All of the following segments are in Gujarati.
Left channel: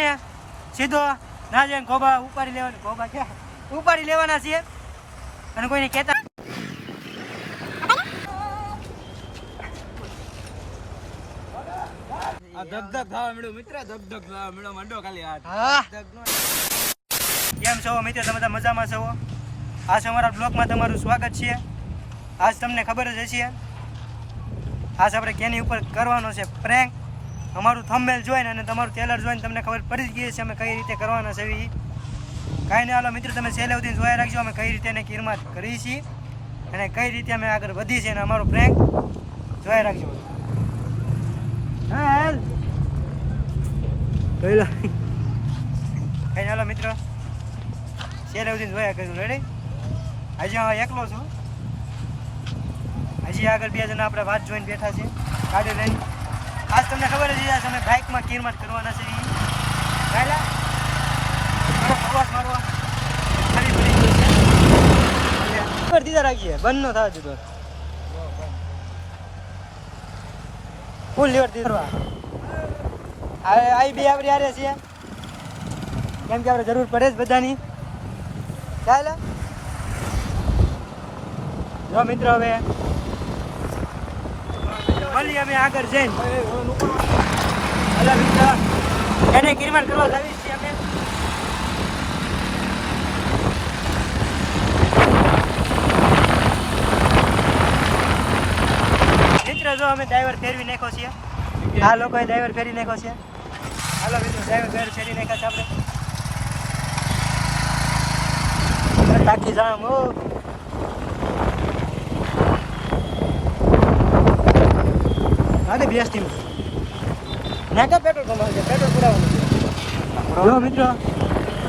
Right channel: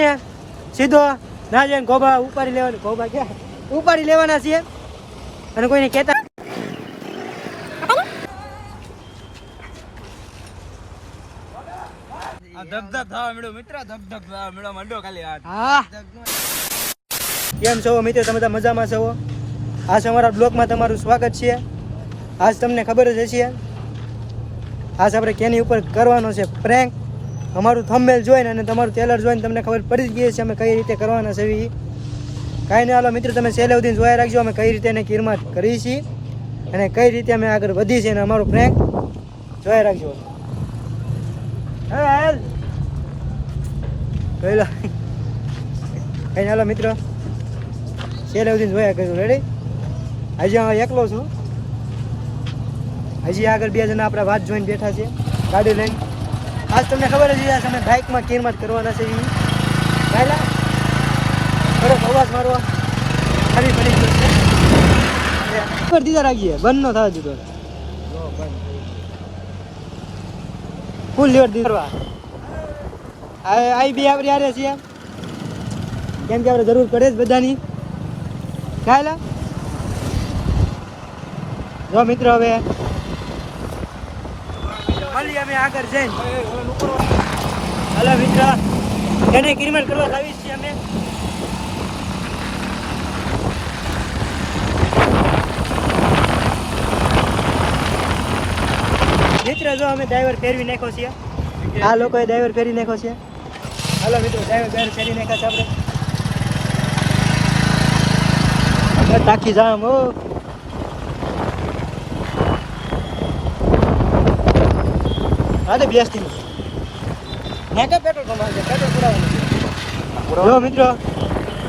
ને સીધો ના જઈને ગોબા ઉપાડી લેવાના. ગોબા ક્યાં ઉપાડી લેવાના છે અને કોઈને કહેતા કેમ છો મિત્રો? તમે બધા મજામાં છો? આજ અમારા બ્લોગમાં તમારું સ્વાગત છે. આજ તમને ખબર જ હશે, આજ આપણે કેની ઉપર કરવાનો છે પ્રેન્ક. અમારું થંબનેલ જોઈને અને તમારું ટ્રેલર જોઈને તમને ખબર પડી જ ગઈ છે અમે કઈ રીતે કરવાના છે. કાંઈ નહીં, હાલો મિત્રો તમે છેલ્લે સુધી જોયા રાખજો અમે કઈ રીતે એને કિરમાત કરી છીએ અને કઈ રીતે અમે આગળ વધી છે અને અમારું પ્રેન્ક જોયા રાખજો. હાલ જોઈ લો. કઈ હાલો મિત્રો છેલ્લે સુધી જોયા કરજો. રેડી? હજી હું એકલો છું, હજી આગળ બે જણા આપણા વાત જોઈને બેઠા છે ગાડી લઈને. આજ તમને ખબર જ છે અમે બાઇકમાં કિરમાત કરવાના છે. કાયલા થોડોક અવાજ મારવા ફરી ફરી કરશે ઉપર દીધા રાખીએ, બંધ ન થવા દીધો. ફૂલ લેવર દીધા આઈ બી આપણે આરે છીએ કેમ કે આપણે જરૂર પડે જ બધાની. કાયલા જો મિત્રો હવે મળીએ અમે આગળ જઈને. હાલો મિત્ર એને કિરમાત કરવા આવી છીએ અમે. મિત્ર જો અમે ડ્રાઈવર ફેરવી નાખ્યો છે, આ લોકોએ ડ્રાઈવર ફેરવી નાખ્યો છે. હાલો મિત્રો ડ્રાઈવર ફેરવી નાખ્યા છે આપણે. ટાંકી જામ હો. હા બેસ્ટી નાકા પેટ્રોલ પંપ છે, પેટ્રોલ પુરાવાનું છે. જો મિત્રો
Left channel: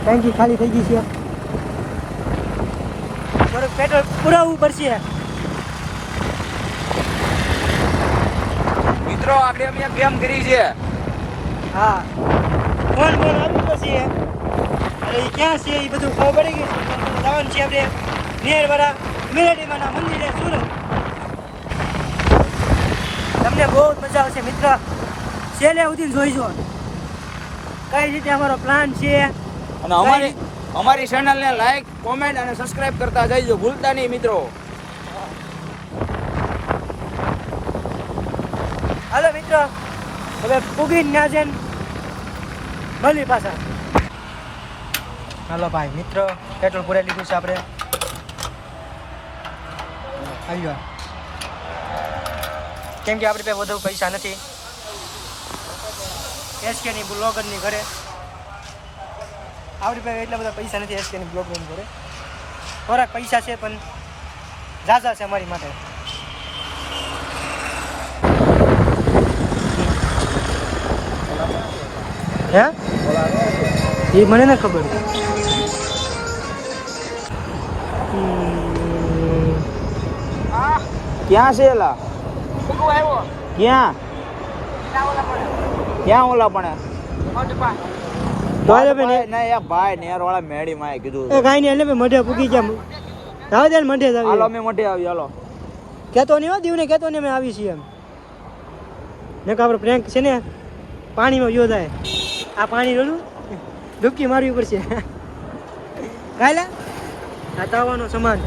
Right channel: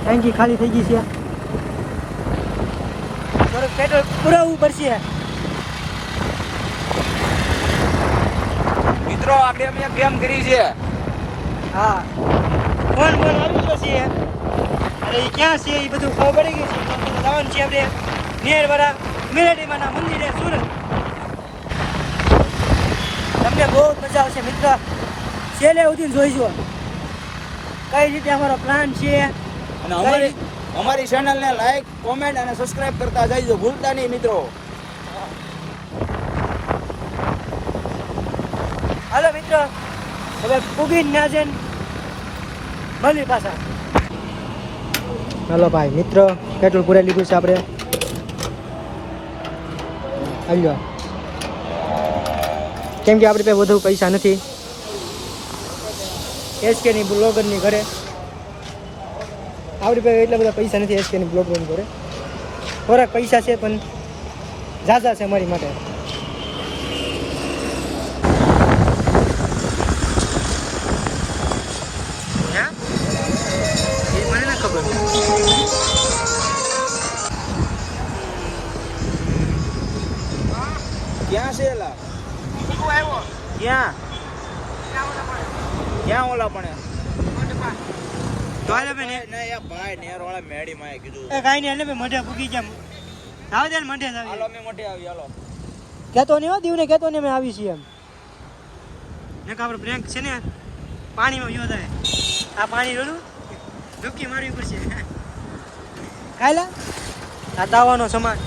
ટાંકી ખાલી થઈ ગઈ છે, થોડુંક પેટ્રોલ પુરાવવું પડશે. મિત્રો આપણે અમે કેમ કરી છે? હા ફોન પર આવી ગયો છે. અરે એ ક્યાં છે એ બધું ખબર પડી ગયું છે. જવાનું છે આપણે નિયરવાળા મેલેડીમાના મંદિરે સુરત. તમને બહુ જ મજા આવશે મિત્ર, છેલ્લે સુધી જોઈજો કઈ રીતે અમારો પ્લાન છે. અને અમારી ચેનલને લાઈક, કોમેન્ટ અને સબસ્ક્રાઇબ કરતા જઈજો, ભૂલતા નહીં મિત્રો. હાલો મિત્રો હવે પૂગીને ના જઈને મળી પાછા. હાલો ભાઈ મિત્રો પેટ્રોલ પૂરાઈ લીધું છે આપણે. સમજો કેમ કે આપણી પાસે વધુ પૈસા નથી. એસકેની બ્લોગરની ઘરે આપણી પાસે એટલા બધા પૈસા નથી. એસકેની બ્લોગરની ઘરે થોડાક પૈસા છે પણ ઝાઝા છે અમારી માટે. હે એ મને ના ખબર. ક્યાં છે એલા? ક્યાં ક્યાં ઓલા પણ ભાઈ નેર વાળા મેડી માં કીધું કઈ નહીં એટલે મઢે પૂકી ગયા. રાવ દે મઢે જ હાલો અમે મોટે આવી. હાલો કેતો નહીં હો દીવને કેતો નહીં અમે આવી છીએ. ને કે આપણે પ્રેન્ક છે ને પાણીમાં ગયો જાય. આ પાણી રોલું ડૂબકી મારવી પડશે. કાંઈ ને આ તાવાનો સમાન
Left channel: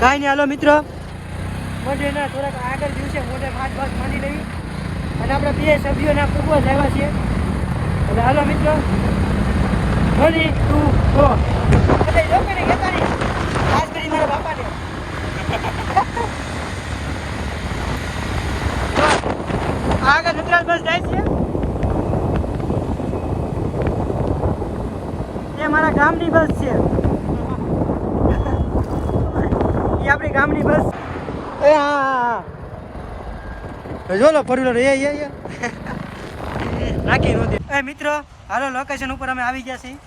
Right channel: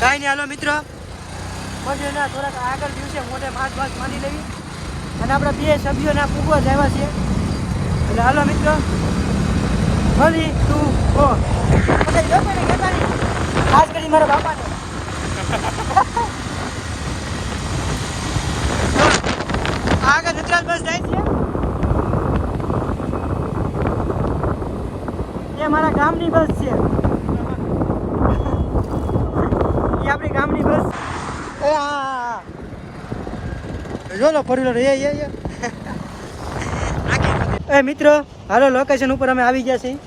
કાંઈ નહીં. હાલો મિત્રો મંદિર ના થોડાક આગળ દિવસે મોઢે માછ માંડી લઈ અને આપણે બે સભ્યોના પૂગવા જ આવ્યા છીએ. એટલે હાલો મિત્રો મળી તું જો બધા જો ને કહેતા નહીં, ખાસ કરી મારા બાપાને. આગળ નટરાજ બસ જાય છે એ મારા ગામની બસ છે. એ આપણી ગામની બસ. એ હા જો લો ફોરવ્હીલર એ મિત્રો હાલો લોકેશન ઉપર અમે આવી ગયા છીએ.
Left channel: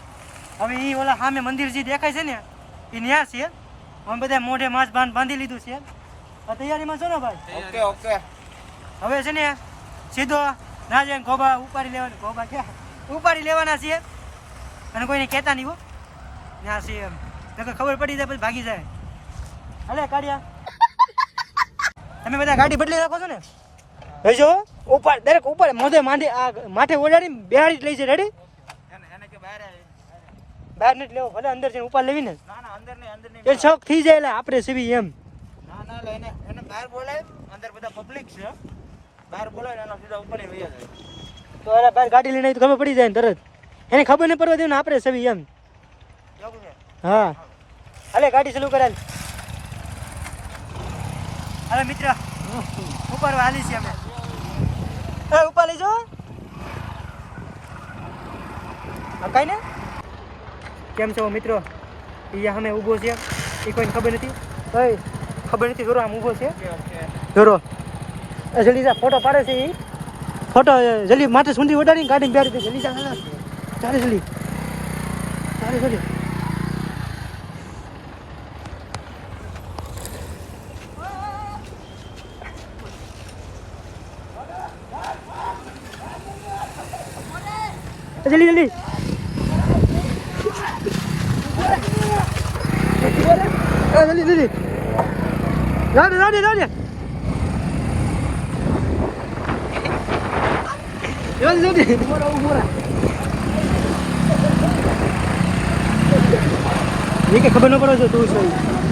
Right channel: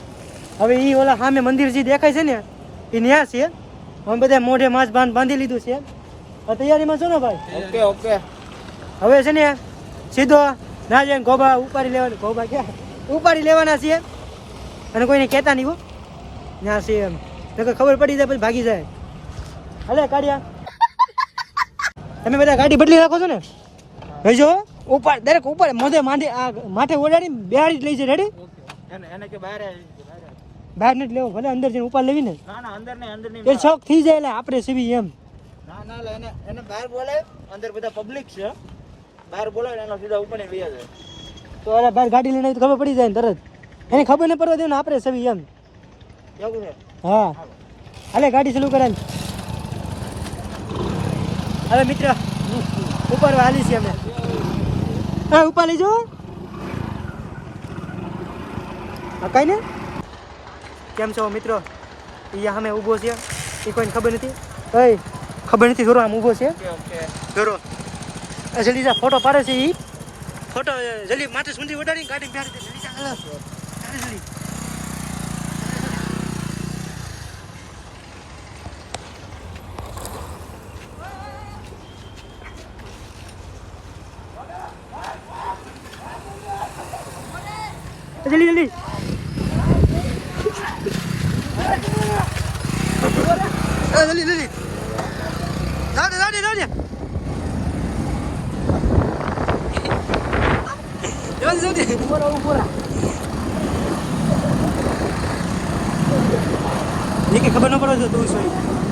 હવે એ ઓલા સામે મંદિર જે દેખાય છે ને એ ન્યા છે. અમે બધા મોઢે માછ બાંધી લીધું છે. તૈયારીમાં છો ને ભાઈ? Okay okay. હવે છે ને સીધો ના જઈને ગોબા ઉપાડી લેવાના. ગોબા ક્યાં ઉપાડી લેવાના છે અને કોઈને કહેતા નહીં હો ના છે એમ. ખબર પડી જાય પછી ભાગી જાય. હલે કાઢ્યા તમે બધા ગાડી બદલી નાખો છો ને? જોઈજો ઉપર દરેક ઉપર મોઢે માથે ઓડાડી બેહાડી જ લઈ જાય રેડી એને કે બહાર બહાર નથી લેવું ભલે અંદર જઈને ઉપર લેવી ને ના અંદર નહીં એ શોખ થઈ જાય એટલે આપણે સેવી એમ ના એને બહાર બોલે અંદર બધા પબ્લિક છે બહાર બોલાવે એનો સીધા ઉપર ને વયા જાય તો એને બહાર ગાડી લઈને આવી તો ખબર પડી જાય ને તરત એને ખબર નહીં પડવા દેવું ને આપણે સેવી એમ એવું છે હા હાલે ગાડી ચાલુ કરાલ હવે મિત્ર ઉપર હાલી છીએ અમે હા ઉપર લઈ જાઓ કઈ ને કેમ છો મિત્રો એ અમે ઊભો છે એ કોઈને ખબર નથી ઓય ખબર નથી જોરો આમ ઊભો છે જોરો જલ્દી જા ફોટો પાડો છે એ ફોટો જલ્દી માથે સુંદરી ઓડાડીને ગાડીને બેરી દે જલ્દી જા ચાલે જલ્દી जल्दी जल्दी जल्दी जल्दी जाने जाने जाने जल्दी जल्दी ये क्या खबर ना पड़ो जो 200 जल्दी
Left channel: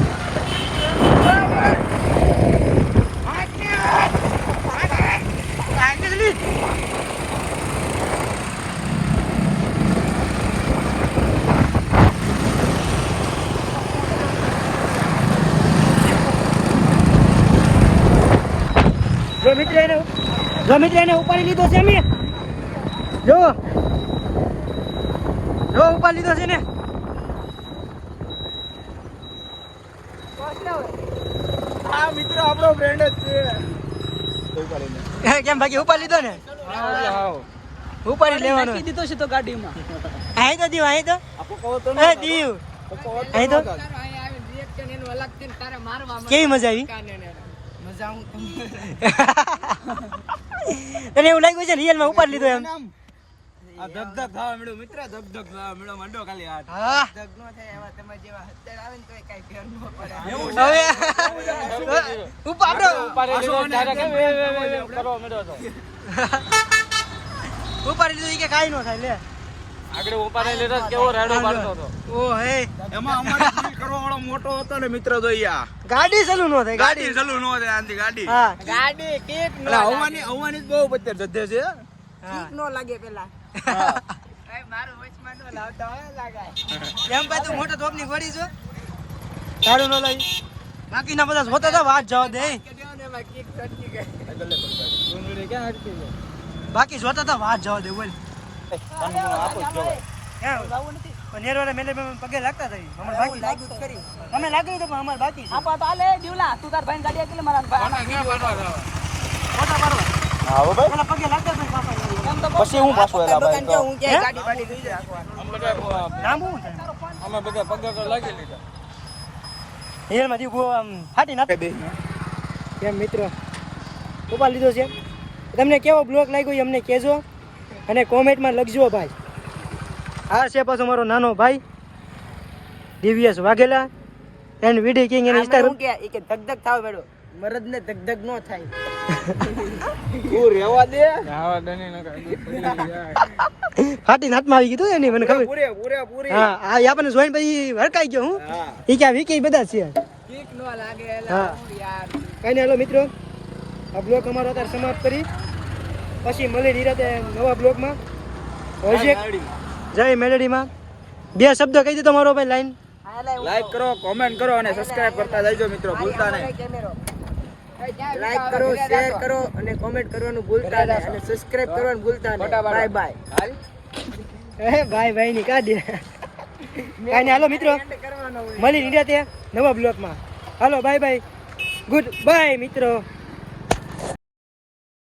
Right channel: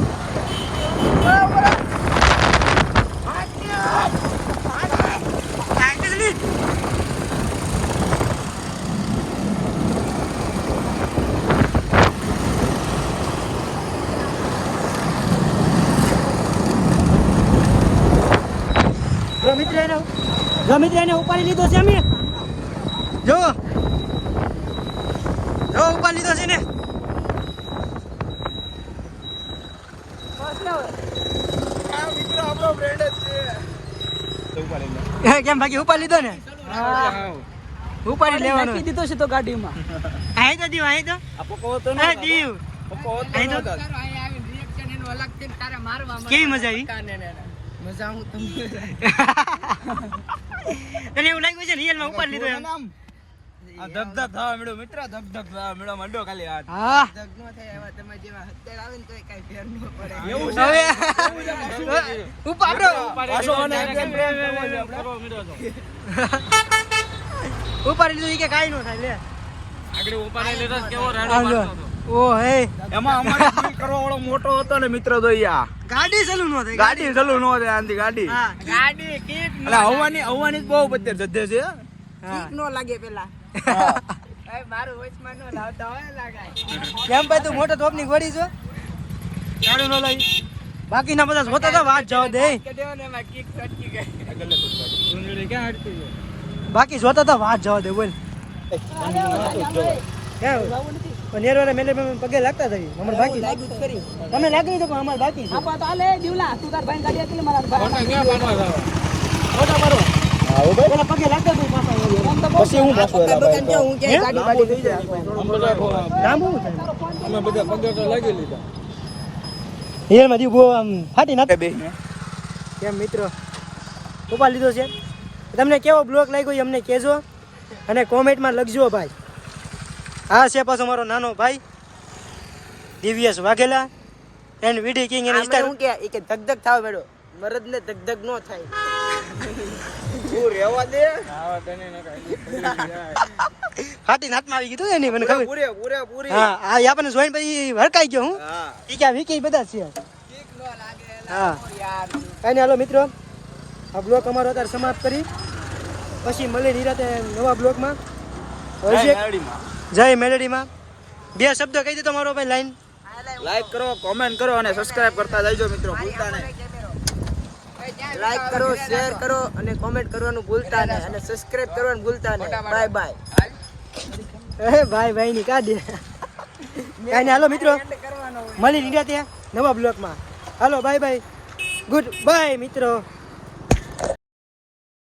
જો મિત્ર એને ઉપાડી લીધો છે અમે જો ઉપાડી લીધો છે ને આ મિત્ર આપણો ફ્રેન્ડ જ છે કેમ બાકી ઉપાડી લીધો ને ઉપાડી લેવાનો દીધો છે તો ગાડીમાં આઈ તો દીવ આઈ તો એ દીવ આઈ તો કેવી મજા આવી મજા હું તને એવું લાગ્યું છે રિયલ માં ઉપાડી લીધો એમ આ ધક થવા મળ્યો મિત્ર ધક થવા મળ્યો મંડો ખાલી હાથ હા ધક નો થાય એવા તમે જેવા અત્યારે આવે ને તો કઈ ફેર ન પડે એવું હવે ઉપાડો પાછો અને એકદમ પ્રેમ કરવા મળ્યો તો ઉપાડી લીધું કે કાઈ નો થાય લે આગળ ઉપાડી લીધો કેવો રાડો પાડતો હતો ઓ હે એમાં અમારે ડીલ કરવા વાળો મોટો હતો ને મિત્ર તો યા ગાડી ચાલુ નો થાય ગાડી ચાલુ નો થાય આંધી ગાડી હા ગાડી કિક નો હવાની જ બહુ બધે જદ્દે છે કિક નો લાગે પેલા એ મારું વચમાં નો આવતો હોય લાગાય કેમ ભાઈ તું મોટો ટોપ ની ગોળી છો તારું નો લાગી બાકીના બધા જોતા હતા વાત જવા દે કડ્યો ને માં કિક કટકી ગઈ સુંદરી ક્યાં હટતી છે બાકી જોતા હતા વાત જવા દે બોલ ક્યાં નેરવાળા મેનેજમેન્ટ પગે લાગતા થઈ અમાર બાકી તમે લાગી તો અમાર બાકી છે આપા તો આલે દીવલા તું તાર ભાઈ ગાડી એટલે મારા ભાઈ ક્યાં પાડવા ફોટા પાડો હા હો ભાઈ પેલા પગે લાગતા ભાઈ પાપા પછી હું પાછો એલા ભાઈ તો હું ક્યાં ગાડી પાડી લઈ લાંબુ છે અમે બધા પગે તો લાગી લીધા રિયલ માં દીવ આમ ફાટી નાખે કેમ મિત્રો ઉપાડ લીધો છે તમને કેવો બ્લોગ લાગ્યો એ અમને કહેજો અને કોમેન્ટમાં લખજો ભાઈ આ છે પાછો મારો નાનો ભાઈ Divyesh Vaghela and VD king એનો ઇન્સ્ટાગ્રામ કે એ કે ધક ધક થાવ બેડો મરદ ને ધક ધક નો થાય તું રેવા દે હા દની ન કાઈ ફાટી હાથમાં આવી ગયું એની મને ખબર પૂરે હા આ આપણને જોઈને પછી હરકાઈ ગયો હું હા એ ક્યાં વીકી બધા છે કિક નો લાગે હા યાર કાંઈ નહીં હાલો મિત્રો આ બ્લોગ અમારો અત્યારે સમાપ્ત કરી પછી મળી નિરાતે નવા બ્લોગમાં હજી એક જય મેલેડીમાં બે શબ્દ કહી દે તમારો ભાઈ લાઈન લાઈક કરો કોમેન્ટ કરો અને સબસ્ક્રાઇબ કરતા જજો મિત્રો ભૂલતા નહીં લાઈક કરો શેર કરો અને કોમેન્ટ કરવાનું ભૂલતા નહીં અને સબસ્ક્રાઇબ કરવાનું ભૂલતા નહીં બાય બાય એ ભાઈ ની કાઢે કાંઈ નહીં હાલો મિત્રો મળી નિરાતે નવા બ્લોગમાં હાલો બાય બાય ગુડ બાય મિત્રો